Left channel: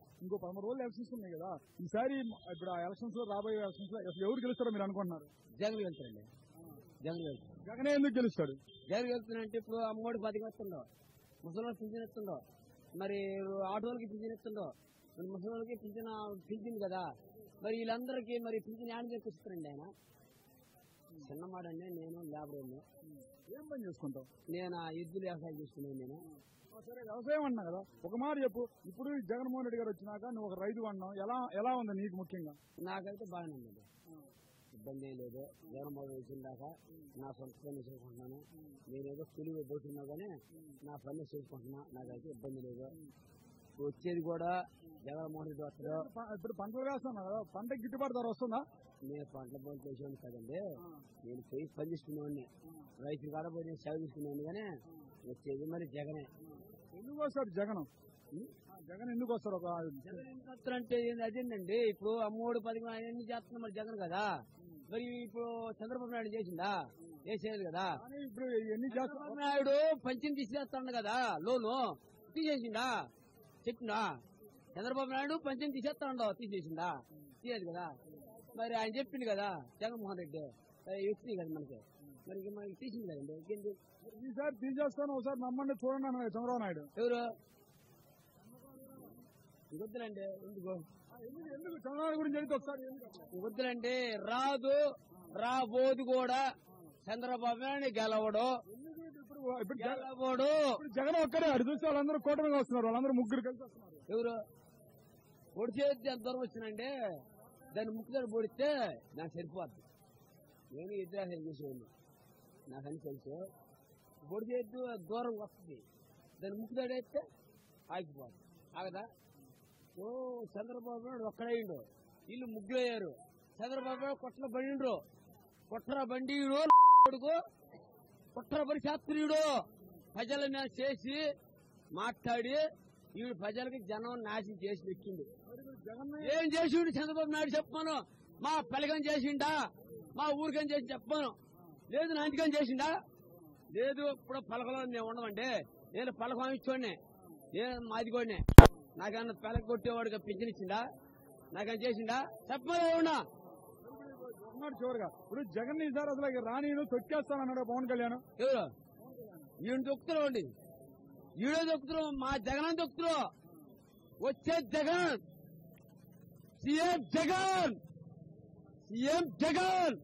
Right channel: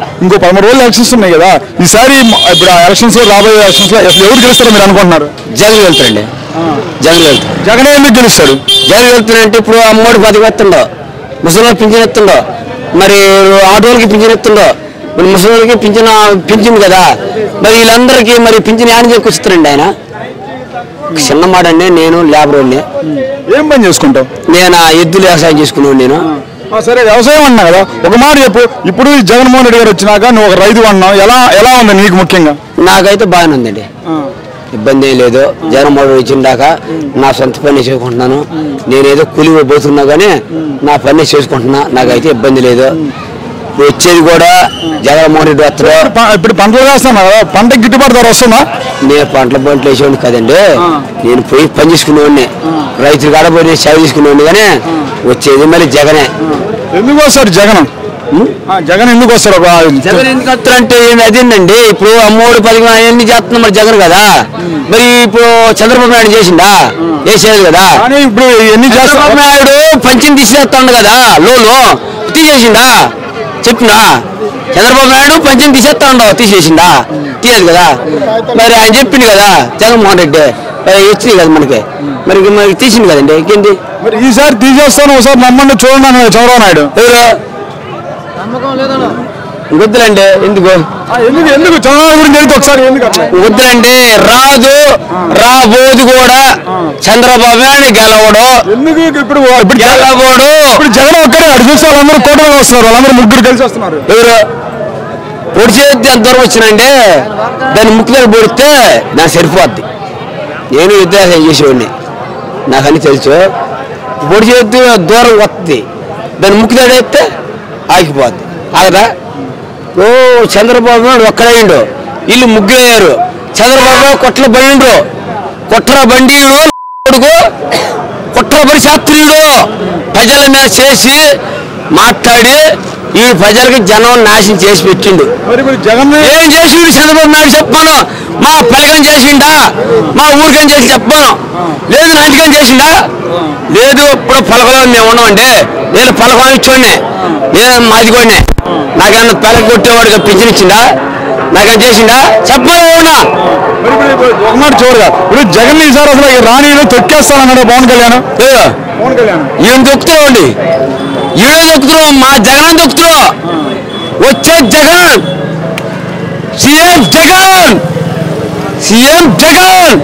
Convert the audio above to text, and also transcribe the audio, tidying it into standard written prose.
ఇంకో 13 రోజులు ఎలక్షన్స్ ఉన్నాయి కదా ఈసారి ఇప్పుడు ఆ ఎలక్షన్స్ లో రాబోయే ఎలక్షన్స్ లో ఎవరు గెలుస్తారో మీరు అనుకుంటున్నారు? జగన్ వెళ్తారండి. జగన్ వెళ్తారు. జగన్ ఎందుకు గెలుస్తారు? జగన్ వెళ్తారంటే ఇప్పుడు అమ్మోడి 10 ఎత్తుండో, ముసలికి పింఛన్ ఎత్తుండో, మరి ఆటోలకి పింఛన్ ఎత్తుండో, మరి ముసలికి పింఛన్ కదా, మరి వీళ్ళందరికీ మరి పింఛన్ యాడ్ చేసుకొస్తారండి. ఆయన చిన్న మాట అండి, నేను లేబర్ అండి. ఏం పని చేసుకుంటావు? నేను ఎద్దులు వ్యవసాయం చేసుకున్నాను. నేను సరే వ్యవసాయం అన్నా కదా, ఒక మాట చెప్పు. ఇప్పుడు జగన్మోహన్ రెడ్డి గారు వచ్చినాక నువ్వు ఒక రైతు అన్నావు, ఎలా ఉంది నీకు? ముఖ్యంగా నాకైతే బాగానే ఉందండి, ఇబ్బంది ఏం లేదు. జగన్మోహన్ రెడ్డి వచ్చిందాక నా సొంత పని చేసుకుంటున్నాను. నేనేదో కూలి పోతున్నా కానీ నా పని చేసుకుంటున్నా, నాకైతే ఇబ్బంది లేదు. వచ్చేది కూడా జగన్మోహన్ రెడ్డి వస్తారు. ఇప్పుడు పంటలు వేస్తున్నా కదా, పంటకి గిట్టుబాటు ధర వస్తుందా? నేను పంటలు వేసేవాడిని కదండి, నేను పోయి పని చేసుకునేవాడిని, రైతులు కాడ పోయి సేవ చేసుకునేవాడిని. కానీ వచ్చేది మళ్ళీ జగనే. ఎందుకు వస్తారు జగన్? జగన్ ఎందుకు వస్తారు? జగన్ ఎందుకు వస్తారంటే అదేంటండి, ఇప్పుడు అమ్మోడు 10 అవన్నీ చేస్తున్నా మరి జగన్ కదా. మరి ఇప్పుడు చంద్రబాబు నాయుడు చేసిండా? చేసేది కదా. ఇప్పుడు ఎన్ని చంద్రబాబు నాయుడు పంచిని తీసేస్తాడు కదా, లోను తీసేసిండా? చెప్పినా చంద్రబాబు నాయుడు పంచిని తీసేస్తాడు, తీసేసిండా? తీయదు కదా. మరి ఆయన చెప్పింది కదా జగన్మోహన్ రెడ్డి, వచ్చింది కదా మనకి, మరి తీసింది కదండి. ఇంకేంటి మరి ఈసారి తీసేస్తాను, ఒకసారి నమ్మండి చూడండి చంద్రబాబు నాయుడు. ఎవరు వద్దులండి, ఎందుకు ఎందుకు చంద్రబాబు గురించి వెళ్తే ఒకసారి వద్దులండి, రాబోదు కూడా చంద్రబాబు నాయుడు గెలవడు. ఎందుకు ఇప్పుడు గెలవడు? ఇప్పుడు జగన్ ఒక్కడే అడు చూస్తే వాళ్ళందరూ కూటమిలో వస్తున్నారు, వాళ్ళందరూ ముగ్గురు కలిసి వస్తున్నారు. ఎవరు పొడి చేతి ఎంత దూరం వచ్చినంటే దాన్ని ముక్కు దగ్గర పొడిస్తే నాకు సరిపోద్ది. నేను యుద్ధాలు చేసేవాడిని, నాకు అన్ని తెలుసు. పొడి చేతి దూరం వస్తుంది, దాన్ని ముక్కు దగ్గర వేస్తే ఆగిపోద్ది. ఆగదా? ఓ చంద్రబాబు నాయుడు ఒక్కడయ్యిండు, వీళ్ళు ముగ్గురయ్యారు. చంద్రబాబు కొట్ల బండిండ్రు, కొట్ర బండీయుడు, కుట్ర పడి శాస్త్రీయుడు ప్రజల మీద చేసి మాట్లాడి ఈ ప్రజలకి జనం నాశనం చేసి పెట్టిండు. ఏం చేసిండు చంద్రబాబు నాయుడు చెప్పాను? మా పలకం చేసిండా? మా ఊరికని చేసి చెప్పాను. లేదు నా ఇంటికని చేసిండా? లేదు. ఇప్పుడు పలకలో మేము ఉన్నామండి, నేను పలకం ఇచ్చోడిని, నేను మాది కూడా. నాకేమన్నా పలక కొట్టేవాడిగా పింఛన్ ఇచ్చిండా? నాకేం చేసిండా? చెప్పాలి. అవునా? ఒక మాట చూడగా ఇప్పుడు జగన్ ఈసారి అసలు రాణిలో తొక్కేస్తానన్నాడు పవన్ కళ్యాణ్. ఈయన దొక్కుతున్నావు అండి, ఈయన దొక్కుతున్నావు, మా జగన్ దొక్కుతున్నావు. వచ్చే జగన్, సీఎం జగన్.